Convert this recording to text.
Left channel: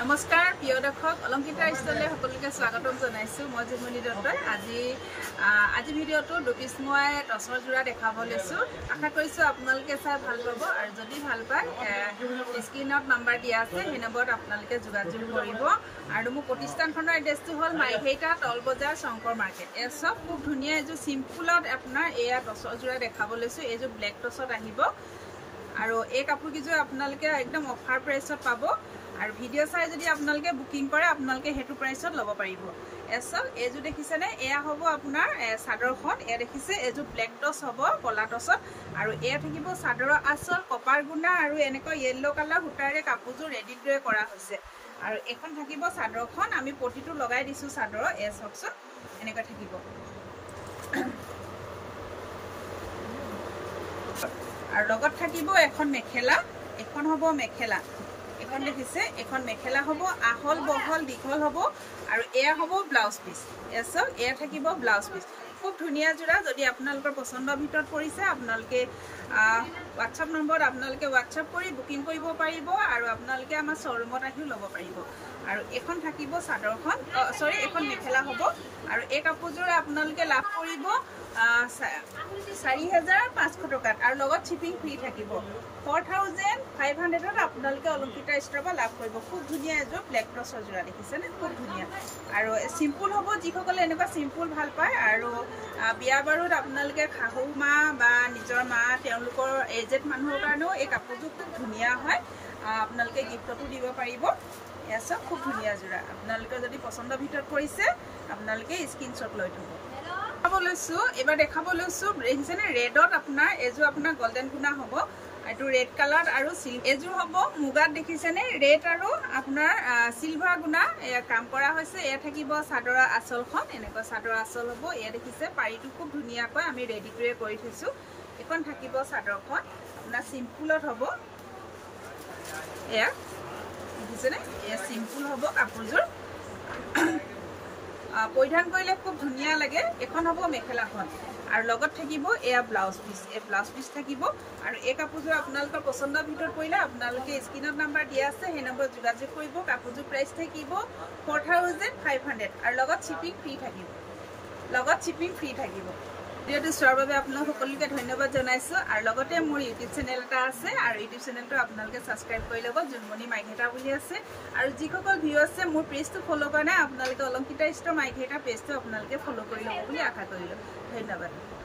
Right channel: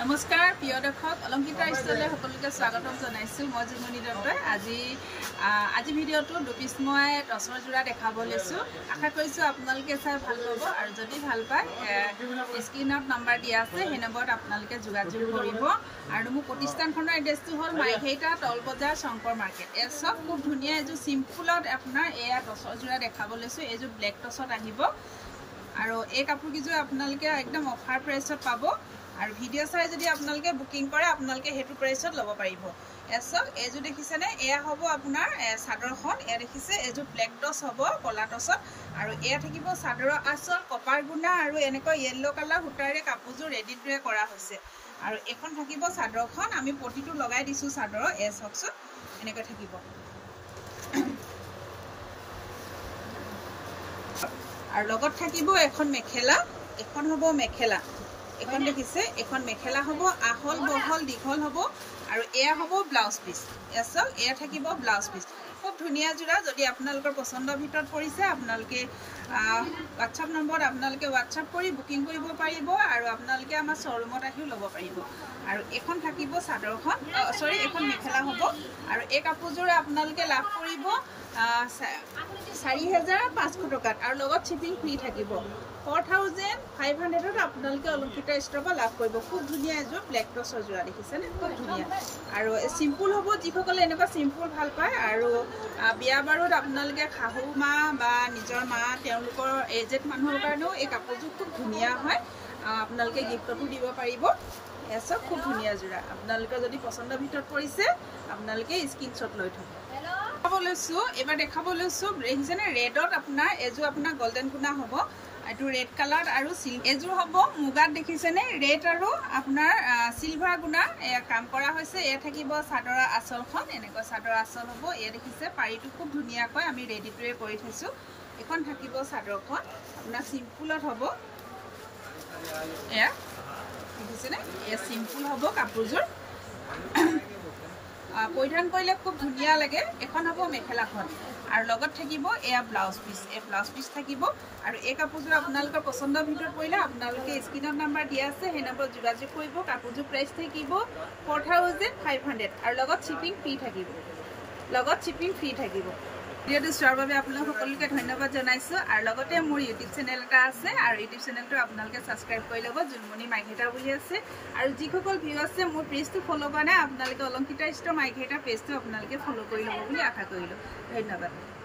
নমস্কাৰ প্ৰিয় দৰ্শক অলংকিতা ষ্টলে সকলোকে স্বাগতম জনাইছো মই জুমনি দত্তই আজি ভিডিঅটো দুপিস মই টসৰ জোৰা দেখাব লৈছো আশা কৰিছো আপোনালোকে চাই ভাল পাব আৰু যদি ভাল পায় স্ক্ৰিনত নাম্বাৰ দিয়া আছে সেই নম্বৰত আপোনালোকে যোগাযোগ কৰিব আৰু মোৰ প্ৰতিষ্ঠানখনৰ এড্ৰেছটো হ'ল মাইঘেইটা টল বজাৰ শংকৰ মাৰ্কেট এ সব খুব ধুনীয়া এজো সিম্পলত আপোনাৰ এয়া টসৰ জোৰা দেখাব লৈছো এজো ব্লেক টসত আহিব আৰু এই কাপোৰ কিজো আপোনালোকে একদম অফাৰ প্ৰাইসত পাব আৰু ভিডিও চাই যদি আপোনালোকে বুকিং কৰে আপোনালোকে হেতু প্ৰাইসত লব পাৰিব এসব এজু দেখিছেনে এয়া হ'ব আপোনাৰ সাদৰখন এ দেখিছে এজু ব্লেক টস হ'ব কলা টসত আৰু এয়া থাকিব সাদৰৰ আচল কপাৰ গুণা আৰু এনেকৈ ইয়েলো কালাৰ হুটাৰে কাপোৰজু ৰেডি ড্ৰে কৰা হৈছে আৰু এখন থাকিব সাদৰখন আমি পটিটো লগাই দিছো সাদৰ এ সক্সত এনেকৈ থাকিব আৰু লগত থাকিব এখন মেখেলা এখন হ'ব মেখেলা এখন দেখিছে এখন মেখেলা হ'ব আহল বহল দীঘল হ'ব আৰু এয়া হ'ব ব্লাউজ পিস এসব এয়া থাকিব ব্লাউজ পিস খুব ধুনীয়া জোৰা যদি আপোনালোকৰ পছন্দৰ ভিতৰত পৰিছে আপোনালোকে WhatsApp নম্বৰত আপোনালোকে WhatsApp কৰি বুকিং কৰিব পাৰিব আৰু আপোনালোকে আমাৰ শ্বৰুমত আহিও ল'ব পাৰিব আৰু এখন থাকিব সাদৰখন সৰি এখন মেখেলা হ'ব আৰু এই কাপোৰজোৰ আপোনালোকে লাভ কৰিব 4500 টকাত আৰু লগত শিপিং ফ্ৰী থাকিব 4500ত আপোনালোকে অলংকিতা ষ্টৰৰ পৰা লাভ কৰিব খুব ধুনীয়া এজোৰ ব্লেক টসৰ জোৰা দেখিছেনে খুব ধুনীয়া আৰু সিম্পল হ'ব যিসকলে এনেকুৱা সিম্পল ভাল পায় আৰু বিয়া বাৰুত আপোনালোকে খাহু মা বা নিজৰ মা তেওঁলোকৰ এজেড মানুহৰ কাৰণেও এই কাপোৰজোৰ খুব ধুনীয়া হয় আপোনালোকে গিফ্টতো দিব পাৰিব এসব খুব ধুনীয়া জোৰা আপোনালোকে যদি পছন্দৰ ভিতৰত কৰিছে আপোনালোকে স্ক্ৰিনশ্বট লৈ থব এবাৰ দেখাব লৈছো দেখিছেনে ৰেডত আপোনাৰ এজো আপোনাৰ গোল্ডেন গুণা হ'ব এটো ৰেড কালাৰ আৰু এজো হ'ব মুগাত দেখিছেনে ৰেড আৰু আপোনাৰ সিলভাৰ গুণা কাম কৰা হৈছে এ থাকিব সাদৰা আচলখন এনেকৈ সাদৰ আচল হ'ব এ দেখিছে পাৰিটো খুব ধুনীয়াকৈ আমি ৰেডি টুৱে কৰি থৈছো এখন থাকিব সাদৰখন আপোনাৰ সিম্পলত হ'ব এয়া দেখিছেনে এ সিম্পল হ'ব কাপোৰজোৰ পৰিধান কৰিলে খুব ধুনীয়া লাগে এখন হ'ব মেখেলাখন আৰু লগত থাকিব এয়া ব্লাউজ পিস এ ব্লাউজ পিস থাকিব আৰু এই কাপোৰজোৰ আপোনালোকৰ পছন্দৰ ভিতৰত পৰিলে আপোনালোকে স্ক্ৰিনত নাম্বাৰ দিয়া আছে সেই নম্বৰত যোগাযোগ কৰিব কাপোৰজোৰ প্ৰাইস থাকিব 4500 আৰু লগত শিপিং ফ্ৰী থাকিব ভিডিওটো চোৱাৰ বাবে আপোনালোক সকলোকে ধন্যবাদ জনাইছো আৰু লগতে মোৰ ইউটিউব চেনেল এটা আছে আৰু ইউটিউব চেনেলটো আপোনালোকে সাবস্ক্ৰাইব কৰি ল'ব জুনমনি মাইঘেটা বুলি আছে আৰু যিসকল ভিউ আছে মোৰ পেজটো ফলো কৰা নাই আপোনালোকে অলংকিতা ষ্টৰ মাইঘেটা পেজটো আপোনালোকে ফলো কৰি ল'ব বুলি আশা কৰিলো ধন্যবাদ